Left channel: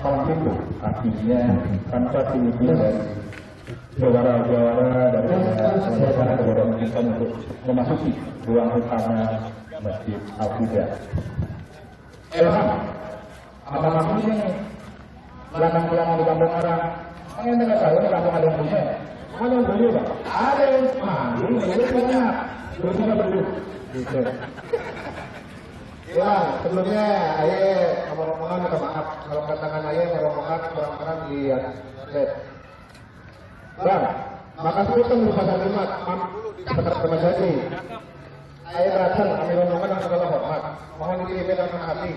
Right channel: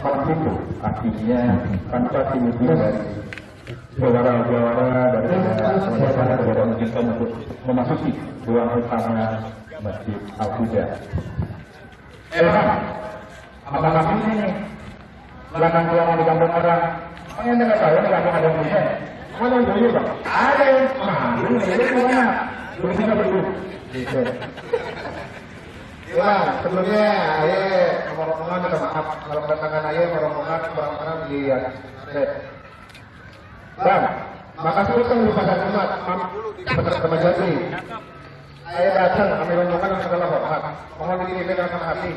Palang Pintu, artinya tanpa timbulan dari jawara-jawara dari semuanya kepada mengizinkan untuk memasuki ruang utama Masjid Huda. Apakah ini belakang-belakang di kampung orang? Ini nggak tahu, nggak ada yang punya. Mana yang punya, Pak? Ada yang malu, ada banyak. Berbeda dulu. Ya, sebelumnya ngomong-ngomongan minta maaf. Kalau katakan ayah ngomong-ngomongan, orang-orang lihat. Bang, makasih kan bisa terima Penasehat Jatri. Ayah datang, kami ngomongkan masalah hormat. Mohon dikirikan sama hati.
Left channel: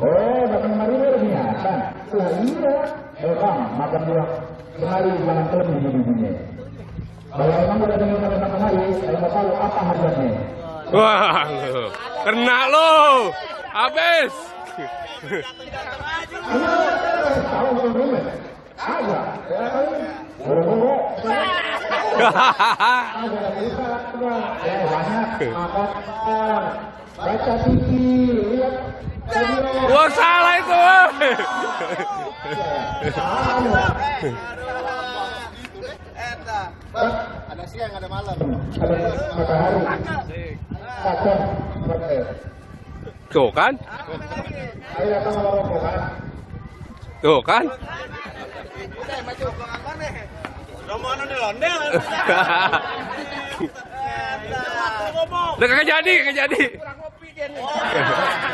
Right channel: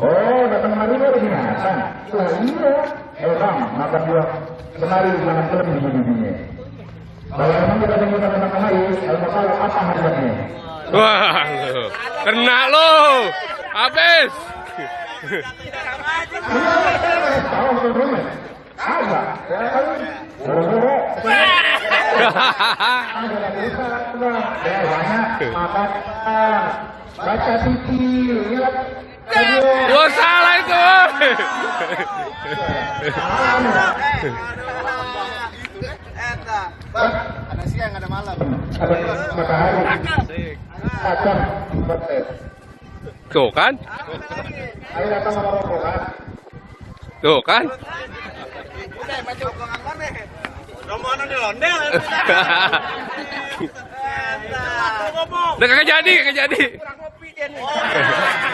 Oh, datang hari ini lagi datang. Lah iya. Bang, makan dua. Kemari jangan terlebih begini. Kalau memang kita dengar tentang kemari, kalau mau tahu apa harganya. Wah, kena lo, habis. Baca TV, lihat. Gua salah itu. Bang, ada siang, ada malam. Ada matahari. Tuh kan? Tuh kan? Udah kagak jadi. Kurang kopi dia nih.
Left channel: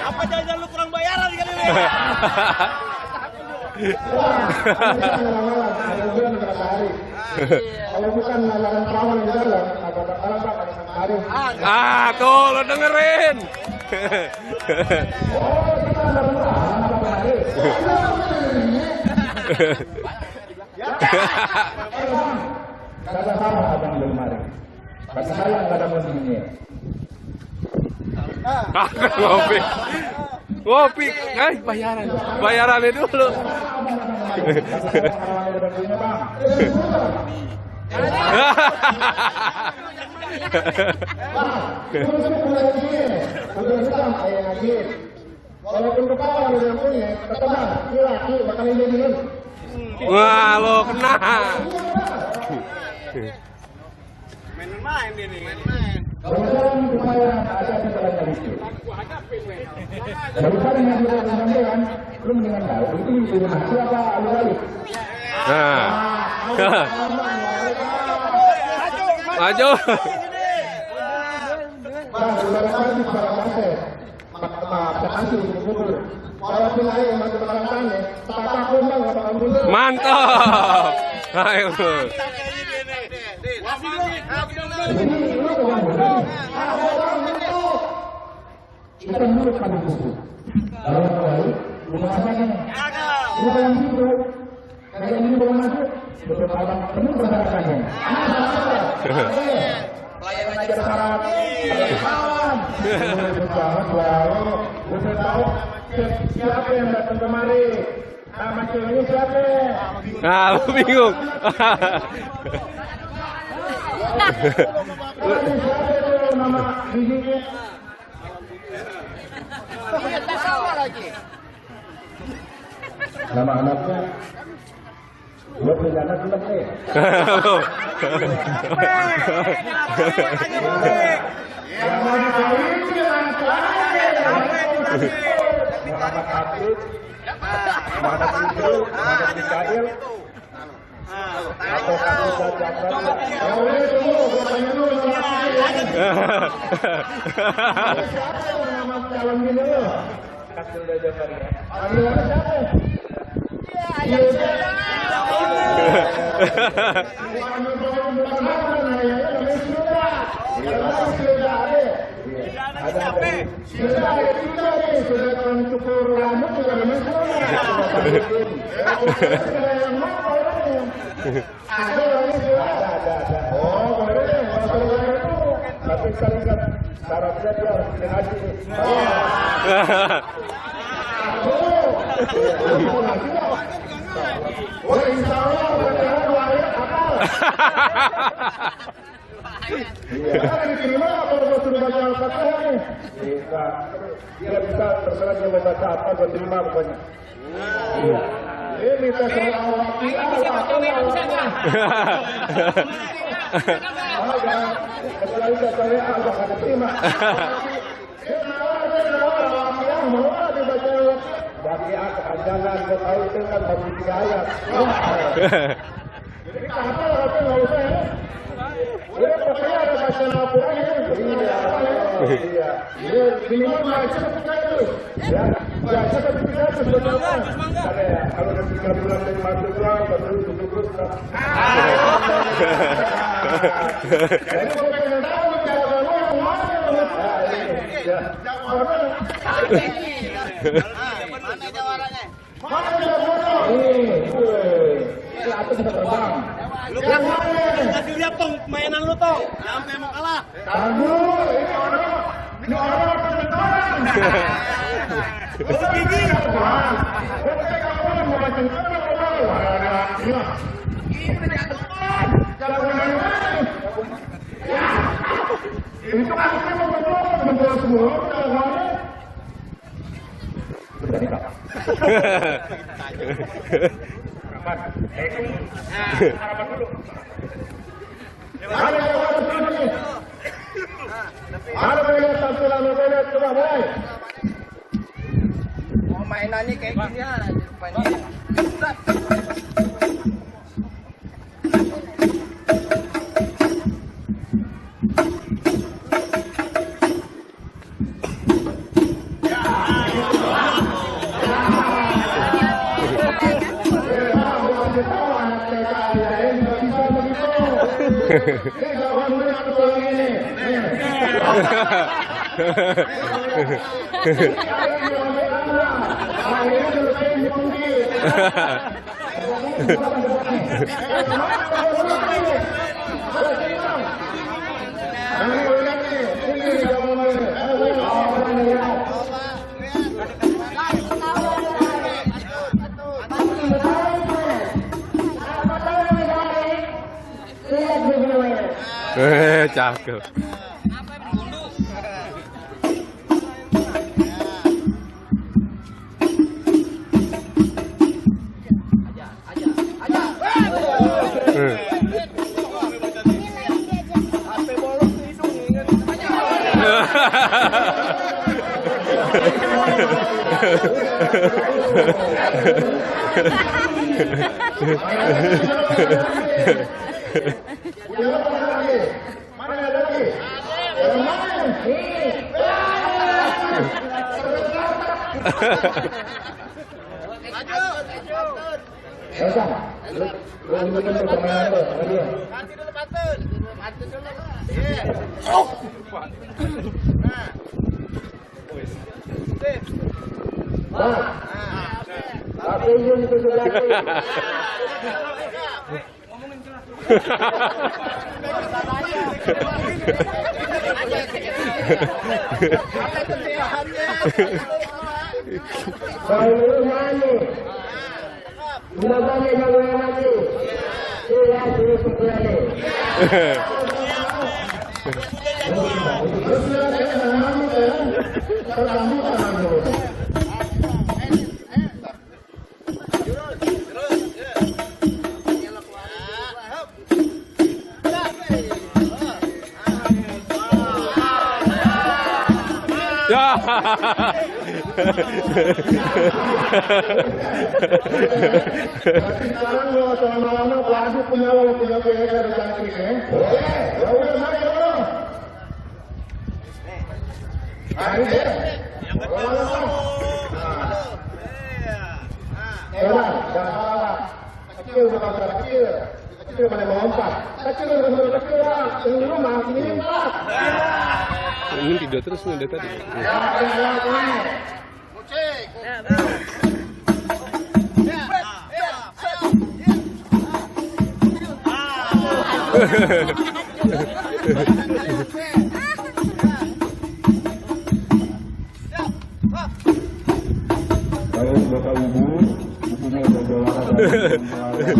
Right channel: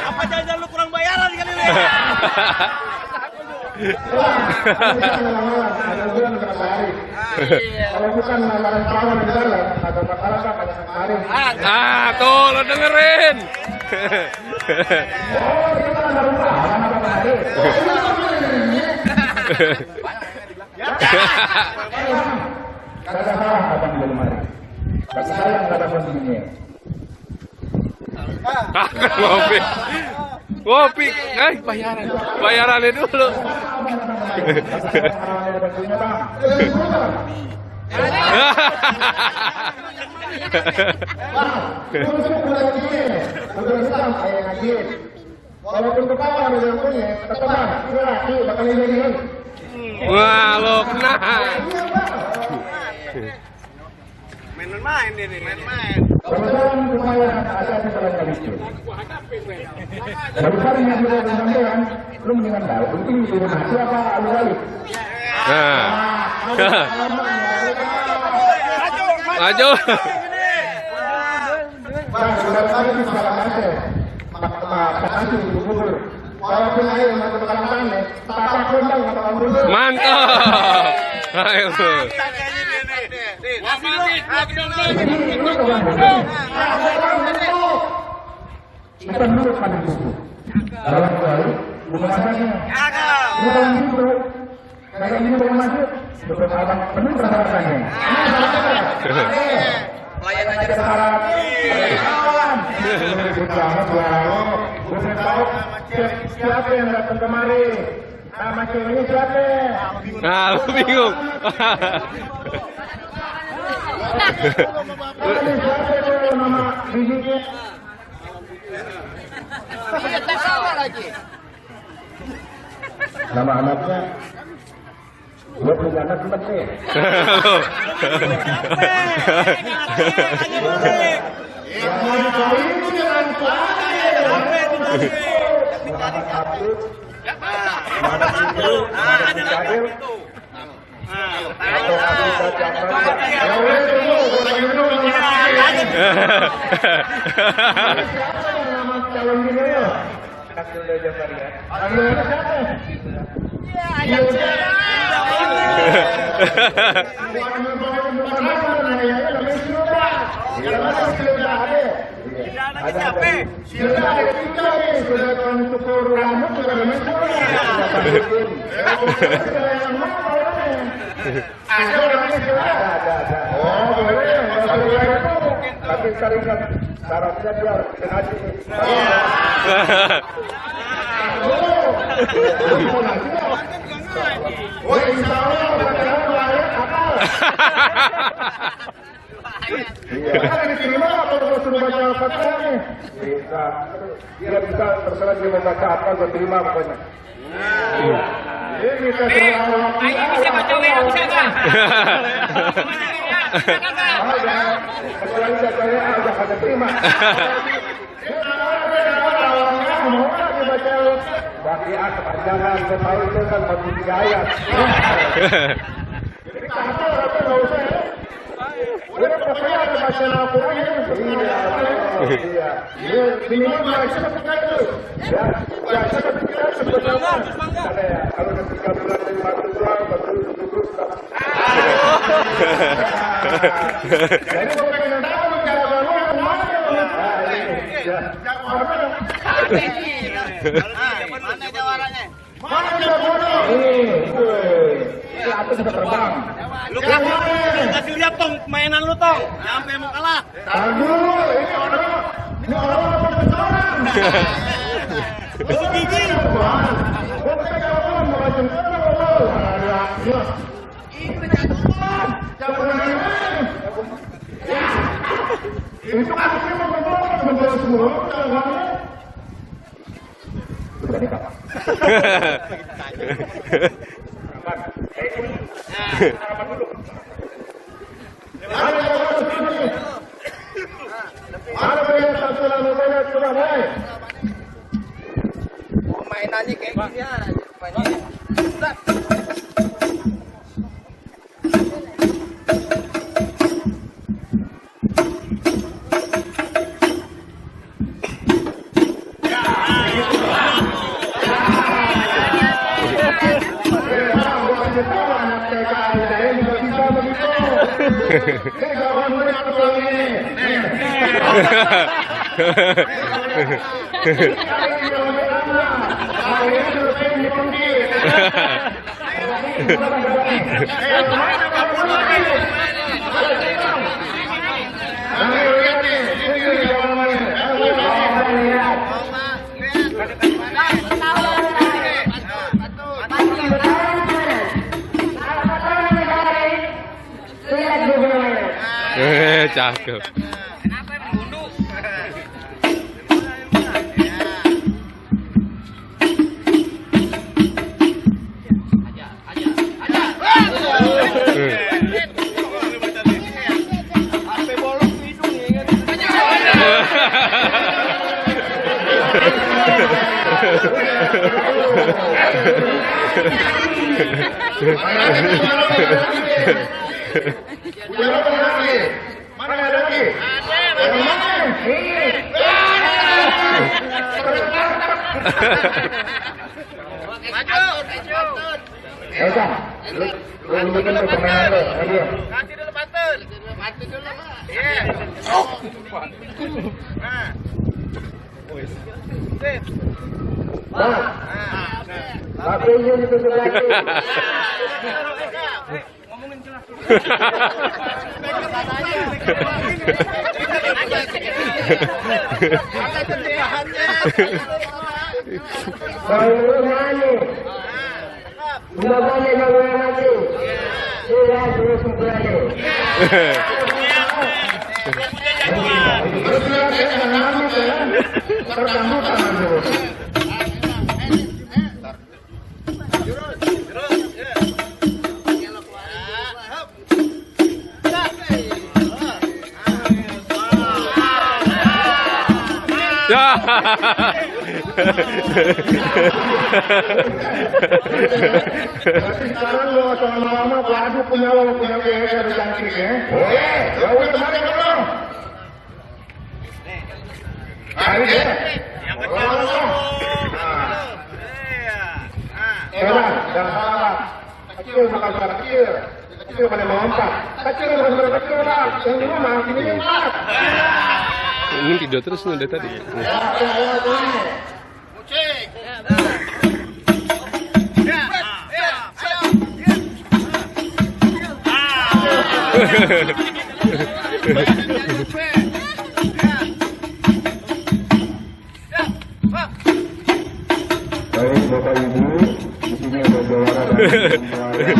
Apa jangan lu kurang bayaran kali ini? Kalau bukan melakukan kawan di dalam, ada masalah ada kemarin. Ah, tuh lo dengerin. Gak ada salah abang di lemari. Bagi saya nggak ada posisinya. Ngopi, guys, bayarannya dulu. Wah, lo kena. Main-main dia nih, main-main. Nah. Maju. Mantap. Ayo. Kita menurut pada buku. Kalau kembali, bukan masanya. Bukan itu. Kayak ini bukan masuk. Beberapa abang penuh rasa-rasanya. Pelayanan aja syarat. Siapa yang datang kemari? Nama ini siapa? Nah, lu bingung. Nama bijinya. Nama anaknya. Gua punya anak tetap nih. Tapi syaratnya dia harus dikenali. Diterima atau sudah baca Al-Fatihah nih? Bisa. Dia bisa terserah dia membaca apa, dia terima pokoknya. Ini Ayo bisa baca WA bisa nggak? kecuali saya udah pada terima. Bagi kepanjangan Betawi itu kan bagi 3 ayat. Jadi kata itu nggak usah ya. Udah percaya baca Al-Quran ya. Iya. Iya. Ini mereka percaya itu. Ya. Baca kita sebetulnya. Kalau 3 bulan dari masuk bulan baru duduk. Jadi bukan yang tahu cara orang mana ya. Mana jawarannya? Mana jawarannya? Aku bisa terbang. Lu kasih lihat tong mainan lu tong. Sampai mau kalah. Aduh, ini orang. Masuk gigi. Ini udah jatuh. Itu kan memang semua sudah nikah. Kapan? Harapan dulu. Mainannya kayak gini ya. Cakep. Sekarang lo lama-lama lagu punya biaya cantik ya. Ya udah mana dong. Ayo deh. Yang kecil dulu. Iya. Kecil bukan kecil. Kecil pada melompat. Kecil bukan kecil lah. Yang ini mah ini mah. Ini video terus nih dari tadi. Kucing. Baik Bapak Ibu, di sini ada juara dari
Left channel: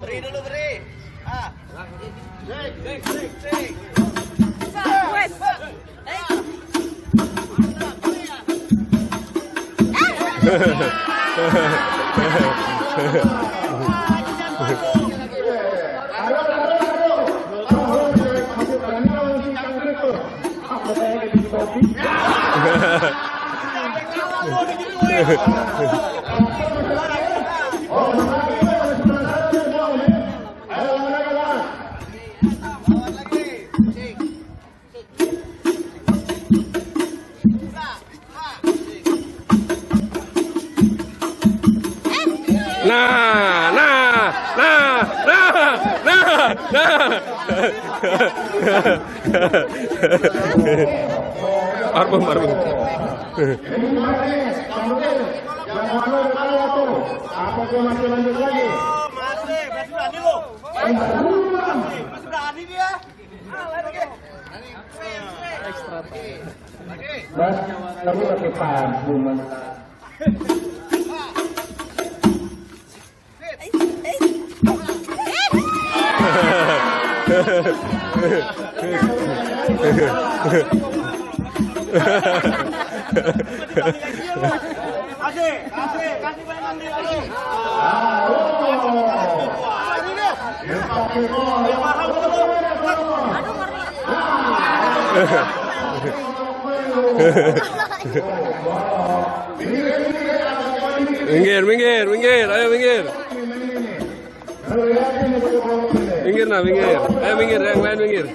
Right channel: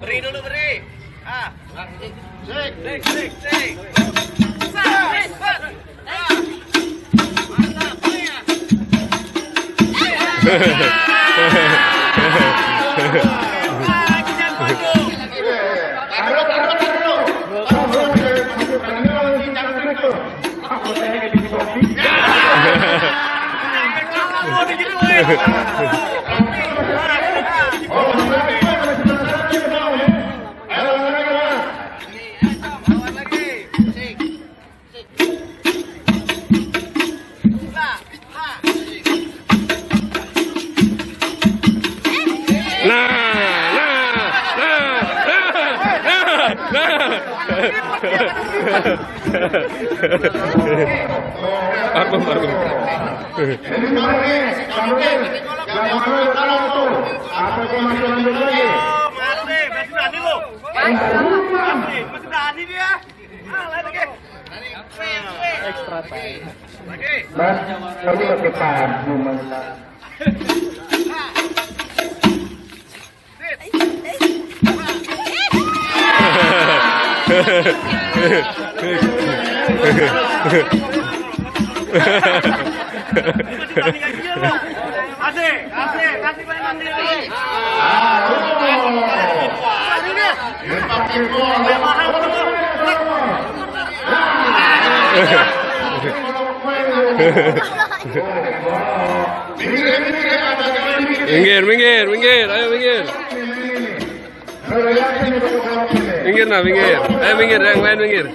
Beri dulu, beri. Ah. Sik. Marbun. Masih berani dia. Lagi. Mas, kami pakai padu, Mas. Kasih mainan dia lagi. Minggir, ayo minggir. Minggir, ayo minggir, yang lain minggir.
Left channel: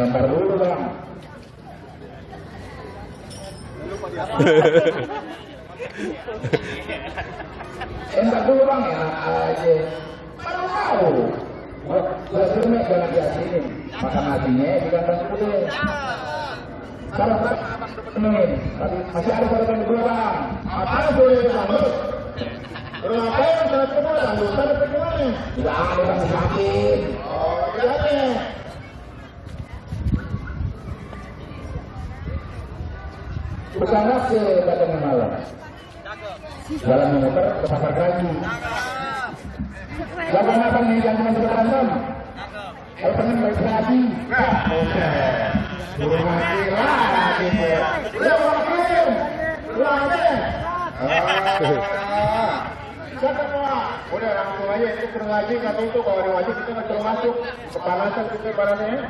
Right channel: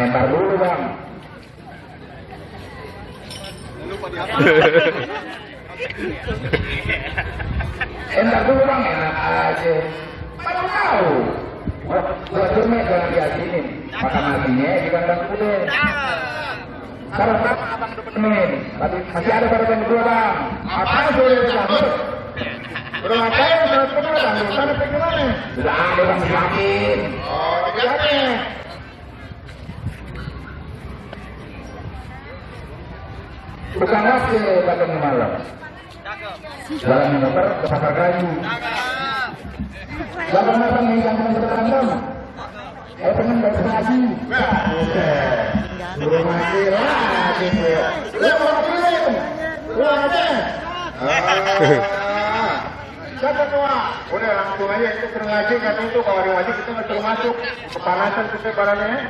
Entar dulu, Bang. Entar dulu, Bang. Enak aja. Tahu. Gua cuma jangan diazinin. Makan nabinya di kandang kuda. Kalau abang temen, masih ada pada berdua, Bang. Apa sudah disambut? Belum apa yang sudah ketemu, Bang. Sana pergi mana? Sudah ada, Bang, yakin. Oh, bagaimana? Bukan lagi Batam malam. Jalan motor ke pasar kayu. Jalan malam yang berkantor. Pengen beraksi. Burung mati lagi. Siapa tua? Udah langsung aja itu ngaji, nggak itu kalau ngaji kita nggak terus masuk kepanasan kita barangnya.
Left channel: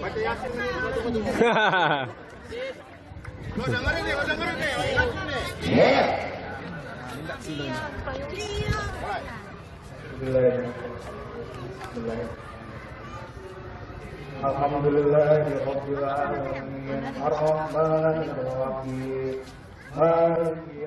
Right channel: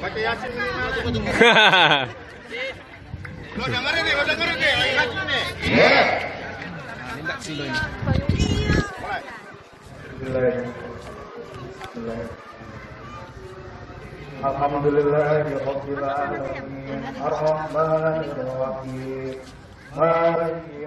Baca Yasin nih, Lo dengerin nih, Yasin nih. Alhamdulillahirabbil alamin. Arrahmanirrahim. Maliki